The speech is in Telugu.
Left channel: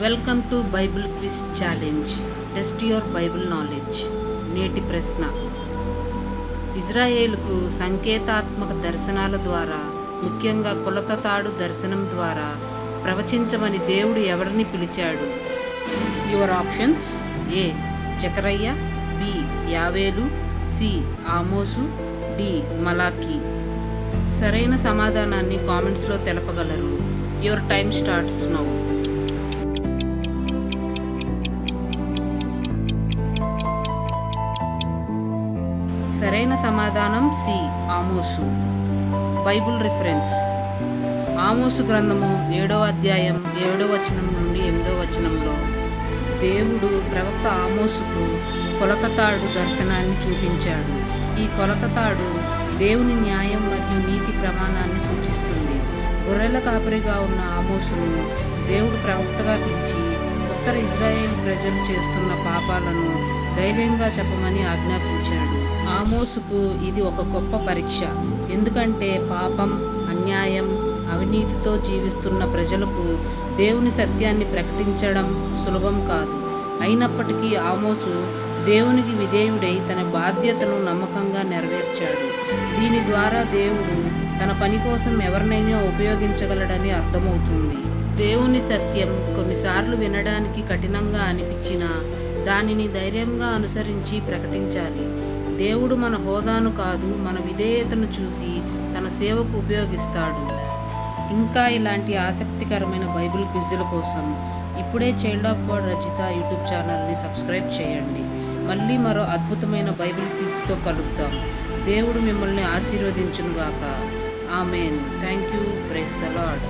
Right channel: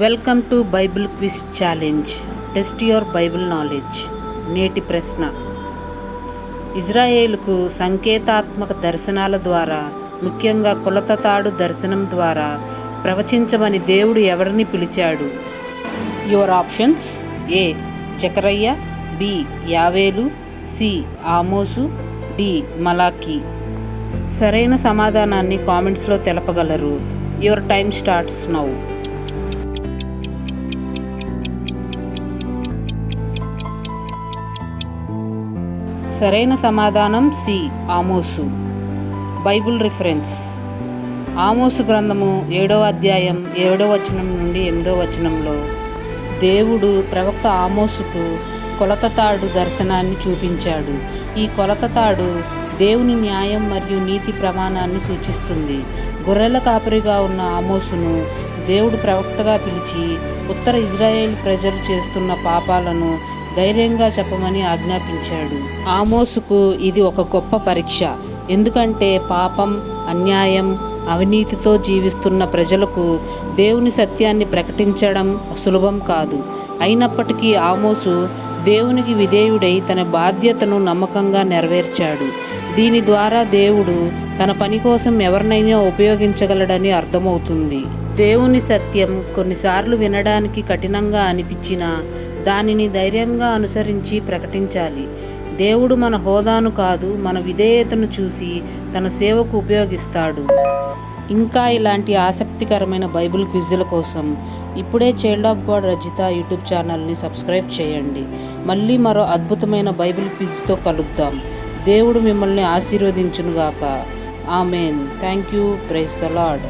Welcome to Bible quiz challenge. Test your Bible knowledge. నేటి ప్రశ్న: ఇజ్రాయేలుకు సంకేతాత్మక దర్శనాల ద్వారా, ముఖ్యంగా కొలత తాడు దర్శనం ద్వారా ప్రవచించమని దేవుడు ఎవరిని పిలిచాడు? యువర్ ఆప్షన్స్: ఏ జకరయ్య, బి యావేలు, సి ఆమోసు, డి మలాకి. సరైన సమాధానాన్ని కామెంట్స్లో తెలపగలరు. Your time starts now. సరైన సమాధానం సి ఆమోసు. బైబిల్ రిఫరెన్స్: ఆమోసు గ్రంథము 7వ అధ్యాయం 7వ వచనం నుండి 8వ వచనంలో దేవుడు ప్రవక్త ఆమోసుకు కొలత తాడు దర్శనాన్ని చూపించాడు. ఈ కొలత తాడు దేవుని న్యాయం మరియు నీతి ప్రమాణాన్ని సూచిస్తుంది. గొర్రెల కాపరిగా ఉన్న ఆమోసును దేవుడు ప్రవక్తగా పిలిచి ఉత్తర ఇజ్రాయేల్ ప్రజలు చేస్తున్న పాపాలను ధైర్యంగా చెప్పమని ఆజ్ఞాపించాడు. ఆమోసుకు ఇది ఒక గొప్ప పరీక్ష. ఎందుకంటే పాపం, అన్యాయం, అవినీతితో జీవిస్తున్న ప్రజలకు దేవుని సత్యాన్ని ప్రకటించడం సులభం కాదు. అయినప్పటికీ ఆమోసు దేవునికి విధేయుడై తన బాధ్యతను నమ్మకంగా నెరవేర్చాడు. దీని ద్వారా దేవుడు తన పని కోసం ఎవరినైనా ఉపయోగించగలడని అర్థమవుతుంది. దేవుని సత్యం కొన్నిసార్లు వినడానికి కఠినంగా అనిపించినా దానిని ధైర్యంగా అనుసరించి ప్రకటించాలి. దేవుడు మన హోదాను కాదు, మన విధేయతను చూసి తన సేవకు ఉపయోగిస్తాడు. ఇంకా ఇలాంటి ఆసక్తికరమైన బైబిల్ క్విజ్ల కోసం ఇప్పుడే child of God Rajitha YouTube ఛానల్ని సబ్స్క్రైబ్ చేయండి. మళ్ళీ మరో అద్భుతమైన బైబిల్ క్విజ్తో కలుద్దాం. దేవుడు మిమ్మల్ని ఆశీర్వదించునుగాక. Amen. Thank you. Praise the lord.